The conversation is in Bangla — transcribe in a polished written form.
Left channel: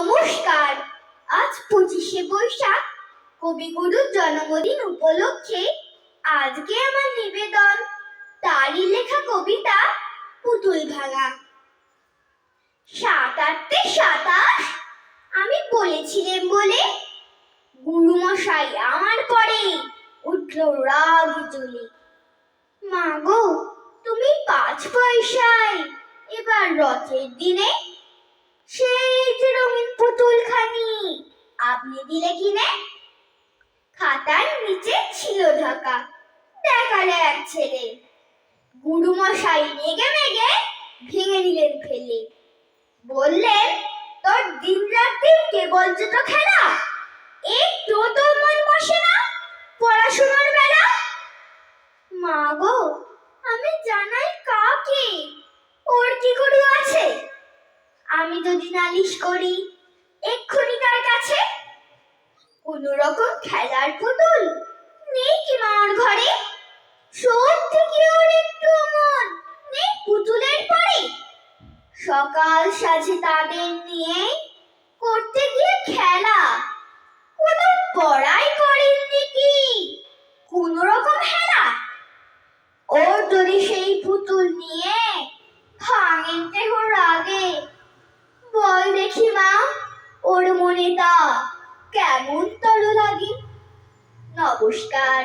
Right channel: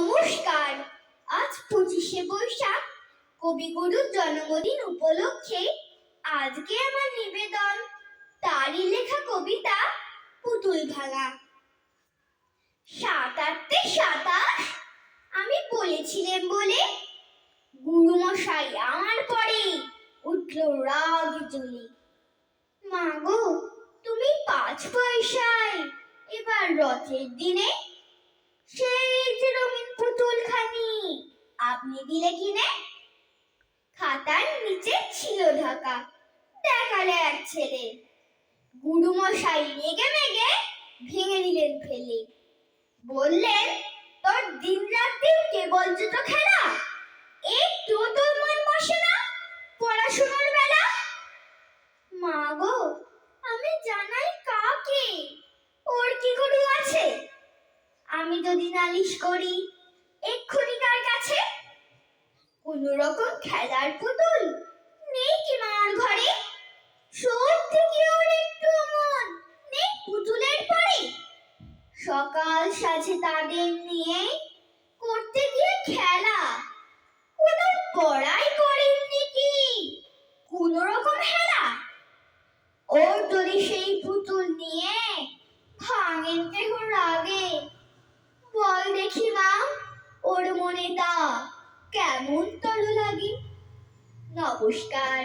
নমস্কার। আজ 25শে বৈশাখ, কবিগুরুর জন্মদিন উপলক্ষে আজকে আমার নিবেদন তারই লেখা কবিতা পুতুল ভাঙা। 7 8 27 আমি বলেছিলেন বলে গুরুমশাই আমার পরে উঠল রাগ জ্বলে। মা গো, তুমি 5 পয়সায় এবার রথের দিনে সেই যে রঙিন পুতুলখানি আপনি দিলে কিনে। খাতার নিচে ছিল ঢাকা, দেখালে এক ছেলে। গুরুমশাই রেগে মেগে ভেঙে দিলেন ফেলে। বললেন, তোর দিন রাত্রি কেবল যে তো খেলা, একটু তোর মন বসে না পড়াশোনার বেলা। মা গো, আমি জানাই কাকে, ওর কি গরু আছে? আমি যদি নালিশ করি এক্ষুনি তার কাছে। কোন রকম খেলার পুতুল নেই কি মার ঘরে? সত্যি কি ওর একটু মন নেই পুতুলের পরে? সকাল সাজে তাদের নিয়ে করতে গিয়ে খেলা, কোনো পড়াই করেননি কি কোন রকম হেলা? ওর যদি সেই পুতুল নিয়ে ভাঙেন কেহ রাগে, বল দেখি মা, ওর মনে তা কেমন তর লাগে। নমস্কার।